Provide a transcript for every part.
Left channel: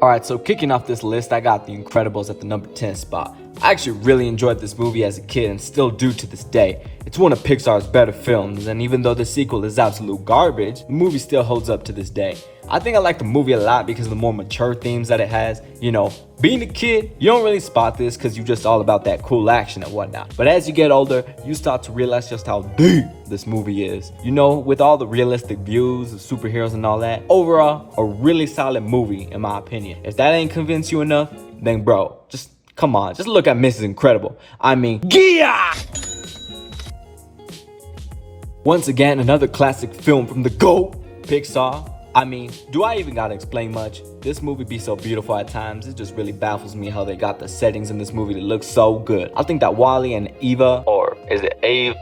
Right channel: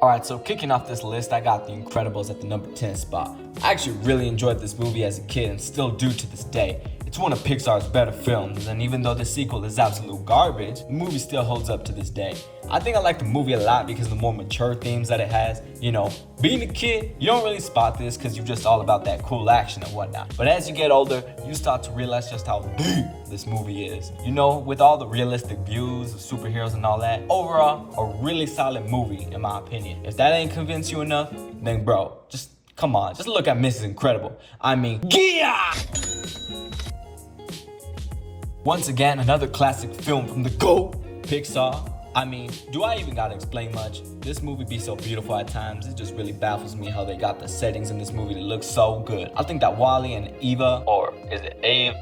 Alright, so kicking off this list, I got The Incredibles at the number 10 spot. I actually really enjoyed this movie as a kid and still do to this day. It's one of Pixar's better films, and even though the sequel is absolute garbage, the movie still holds up to this day. I think I like the movie a lot because of the more mature themes that it has. You know, being a kid, you don't really spot this because you're just all about that cool action and whatnot. But as you get older, you start to realize just how deep this movie is. You know, with all the realistic views of superheroes and all that, overall, a really solid movie in my opinion. If that ain't convinced you enough, then bro, just come on, just look at Mrs. Incredible. I mean, yeah! Once again, another classic film from the GOAT, Pixar. I mean, do I even gotta explain much? This movie be so beautiful at times. It just really baffles me how they got the settings in this movie to look so good. I think that Wally and Eva, or is it Ave?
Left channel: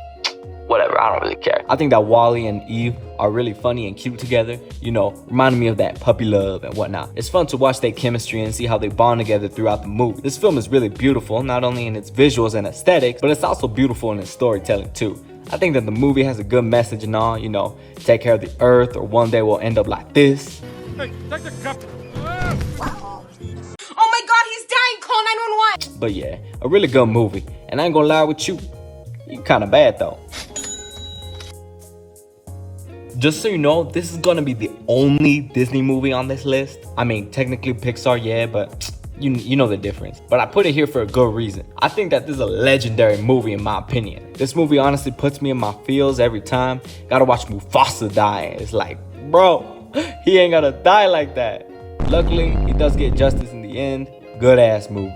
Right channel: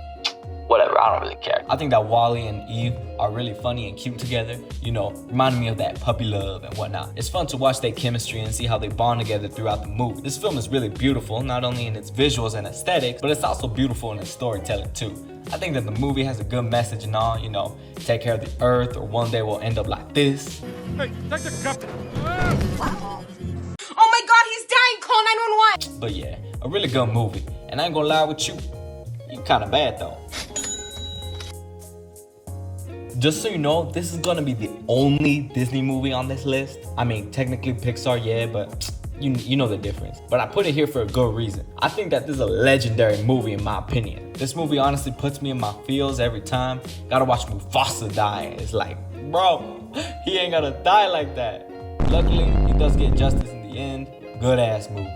Whatever, I don't really care. I think that Wally and Eve are really funny and cute together. You know, reminding me of that puppy love and whatnot. It's fun to watch their chemistry and see how they bond together throughout the movie. This film is really beautiful, not only in its visuals and aesthetics, but it's also beautiful in its storytelling too. I think that the movie has a good message and all, you know, take care of the earth or one day we'll end up like this. Hey, take the cup. Oh my god, he's dying, call 911! But yeah, a really good movie. And I ain't gonna lie with you, you kinda bad though. Just so you know, this is gonna be the only Disney movie on this list. I mean, technically Pixar, yeah, but you know the difference. But I put it here for a good reason. I think that this is a legendary movie in my opinion. This movie honestly puts me in my feels every time. Gotta watch Mufasa die. It's like, bro, he ain't gotta die like that. Luckily, he does get justice in the end. Good ass movie.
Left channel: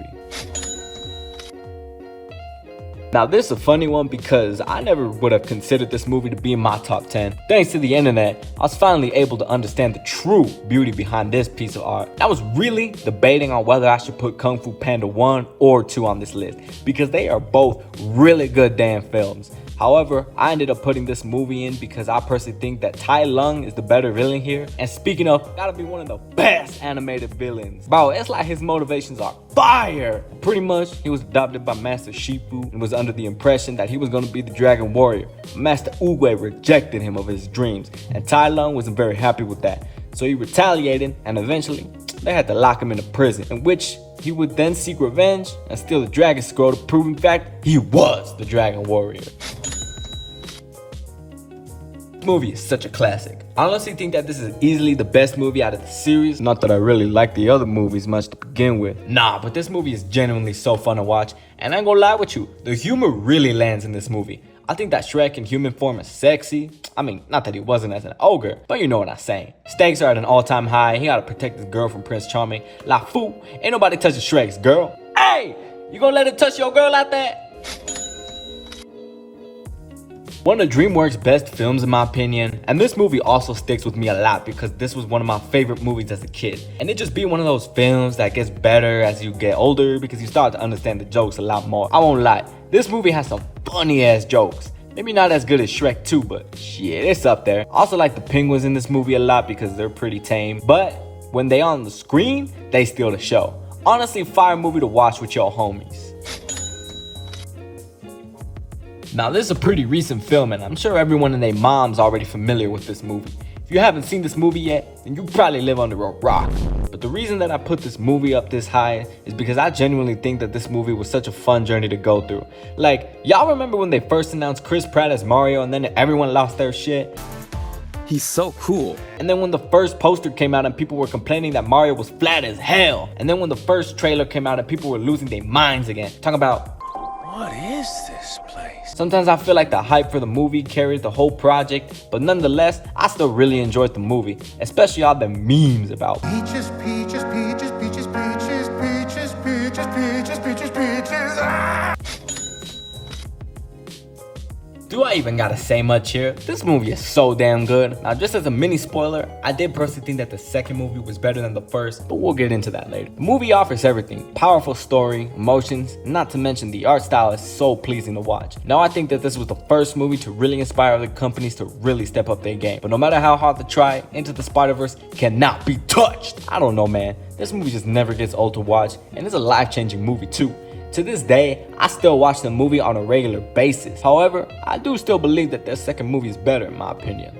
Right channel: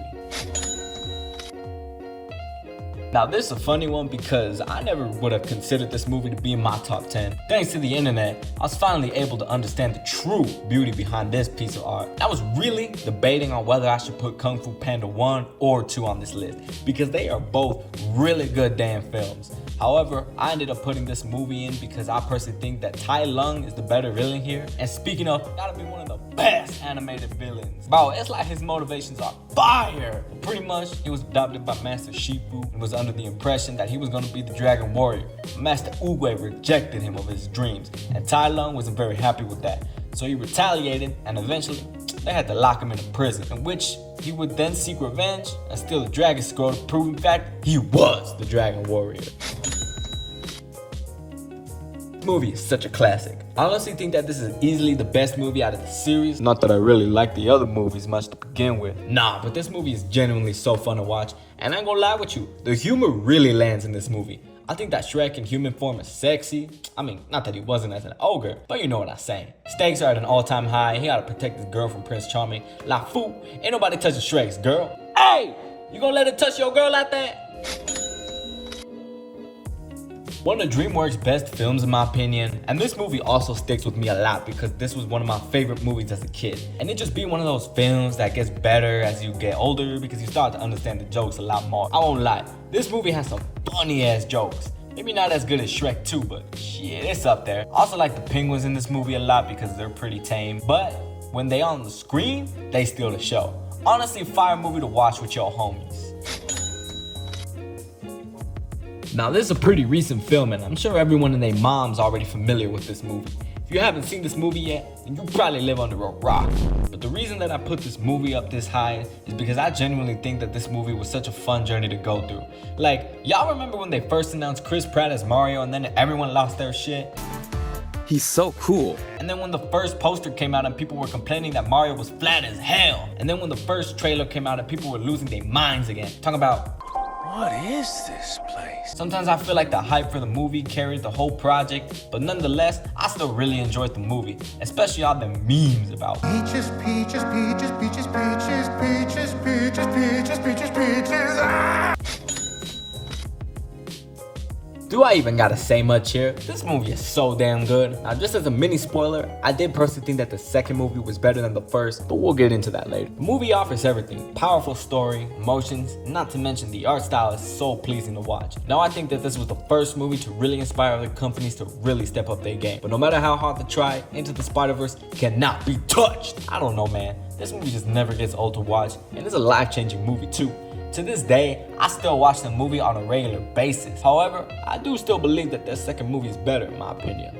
Now this is a funny one because I never would have considered this movie to be in my top 10. Thanks to the internet, I was finally able to understand the true beauty behind this piece of art. I was really debating on whether I should put Kung Fu Panda 1 or 2 on this list because they are both really good damn films. However, I ended up putting this movie in because I personally think that Tai Lung is the better villain here. And speaking of, gotta be one of the best animated villains. Bro, it's like his motivations are fire. Pretty much, he was adopted by Master Shifu and was under the impression that he was gonna be the Dragon Warrior. Master Uwe rejected him of his dreams, and Tai Lung wasn't very happy with that. So he retaliated, and eventually, they had to lock him in a prison, in which he would then seek revenge and steal the Dragon Scroll to prove in fact he was the Dragon Warrior. This movie is such a classic. I honestly think that this is easily the best movie out of the series. Not that I really like the other movies much to begin with. Nah, but this movie is genuinely so fun to watch. And I ain't gonna lie with you, the humor really lands in this movie. I think that Shrek in human form is sexy. I mean, not that he wasn't as an ogre, but you know what I'm saying. Stakes are at an all-time high. He gotta protect his girl from Prince Charming. La foo, ain't nobody touching Shrek's girl. Hey, you gonna let him touch your girl like that? One of DreamWorks' best films in my opinion, and this movie also sticks with me a lot because this was one of my favorite movies as a kid. And it just be one of those films that gets better as you get older because you start to understand the jokes a lot more. I won't lie, this movie has some funny ass jokes. Maybe not as good as Shrek 2, but shit, it's up there. I also like the penguins in this movie a lot because they're pretty tame, but when they on the screen, they steal the show. Honestly, fire movie to watch with your homies. Now this is a pretty recent film and I'm sure everyone and their mom's already familiar with this movie. If you haven't seen this movie yet, then you probably live under a rock. But the reason that I put this movie up this high is because I genuinely think that this movie was such a fun journey to go through. Like, y'all remember when they first announced Chris Pratt as Mario and then everyone lost their shit? He's so cool. And then when the first poster came out and people were complaining that Mario was flat as hell. And then when the first trailer came out and people were losing their minds again. Talking about, What is this place? sometimes I feel like the hype for the movie carried the whole project, but nonetheless, I still really enjoyed the movie, especially all the memes about Peaches, peaches, peaches, peaches, peaches, peaches, peaches, peaches, peaches, peaches. Ah! Do I even gotta say much here? This movie is so damn good. Now just as a mini spoiler, I did personally think that the second movie was better than the first, but we'll get into that later. The movie offers everything. Powerful story, emotions, not to mention the art style is so pleasing to watch. Now I think that this was the first movie to really inspire other companies to really step up their game. But no matter how hard to try, Into the Spider-Verse cannot be touched. I don't know, man. This movie just never gets old to watch, and it's a life-changing movie too. To this day, I still watch the movie on a regular basis. However, I do still believe that their second movie is better in my opinion.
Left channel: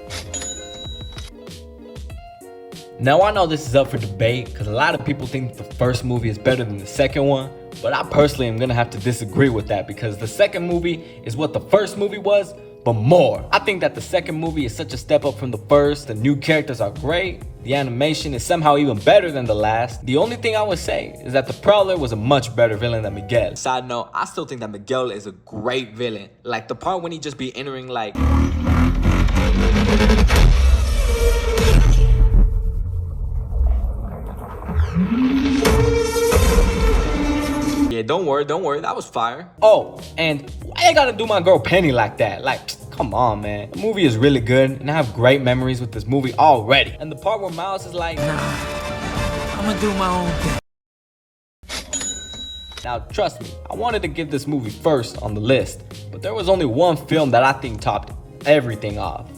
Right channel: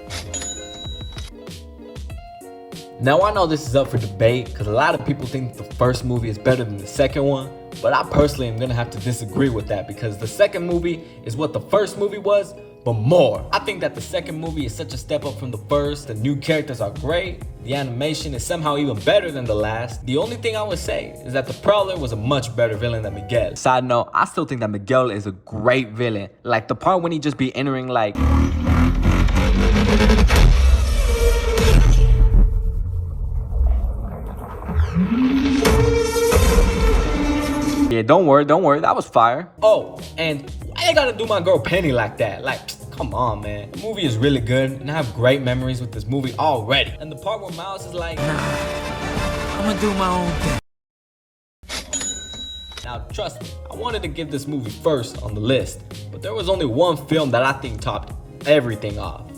Now I know this is up for debate because a lot of people think the first movie is better than the second one, but I personally am gonna have to disagree with that because the second movie is what the first movie was, but more. I think that the second movie is such a step up from the first. The new characters are great. The animation is somehow even better than the last. The only thing I would say is that the Prowler was a much better villain than Miguel. Side note, I still think that Miguel is a great villain. Like the part when he just be entering like... Yeah, don't worry, that was fire. Oh, and why you gotta do my girl Penny like that? Like, come on, man. The movie is really good, and I have great memories with this movie already. And the part where Miles is like, Nah, I'm gonna do my own thing. now, trust me, I wanted to give this movie first on the list, but there was only one film that I think topped everything off.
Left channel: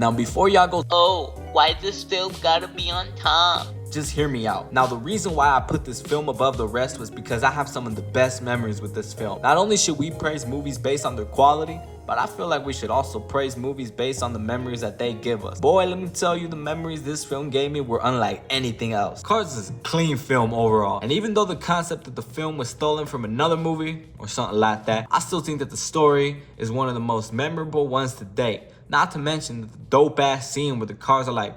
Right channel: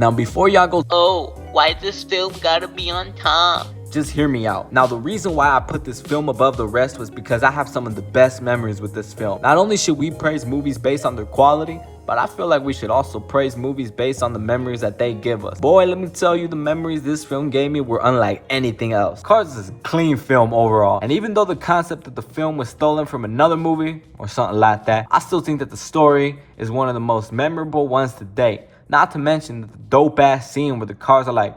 Now, before y'all go, oh, why this film gotta be on top? just hear me out. Now, the reason why I put this film above the rest was because I have some of the best memories with this film. Not only should we praise movies based on their quality, but I feel like we should also praise movies based on the memories that they give us. Boy, let me tell you, the memories this film gave me were unlike anything else. Cars is a clean film overall, and even though the concept of the film was stolen from another movie or something like that, I still think that the story is one of the most memorable ones to date. Not to mention the dope ass scene where the cars are like...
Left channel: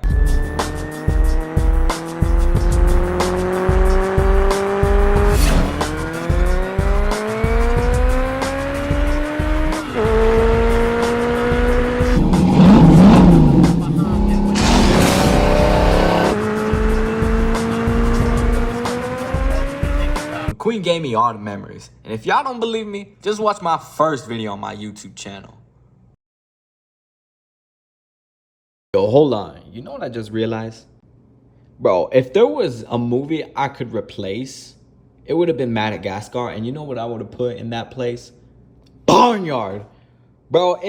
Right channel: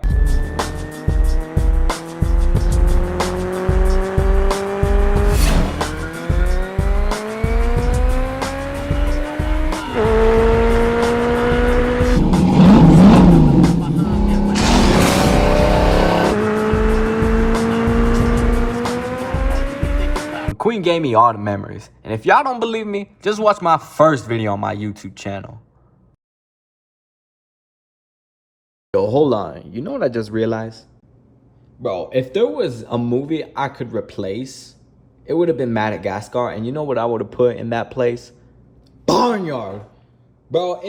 Queen gave me all the memories, and if y'all don't believe me, just watch my first video on my YouTube channel. Yo, hold on. You know what I just realized? Bro, if there was a movie I could replace, it would have been Madagascar, and you know what I would have put in that place? Barnyard. Bro,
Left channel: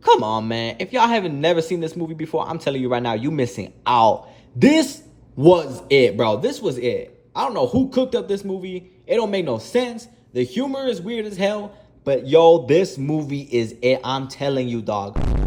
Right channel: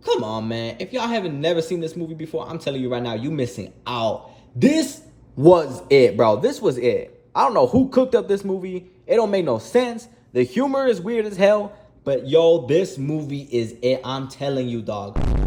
come on, man. If y'all haven't never seen this movie before, I'm telling you right now, you missing out. This was it, bro. This was it. I don't know who cooked up this movie. It don't make no sense. The humor is weird as hell. But yo, this movie is it. I'm telling you, dog.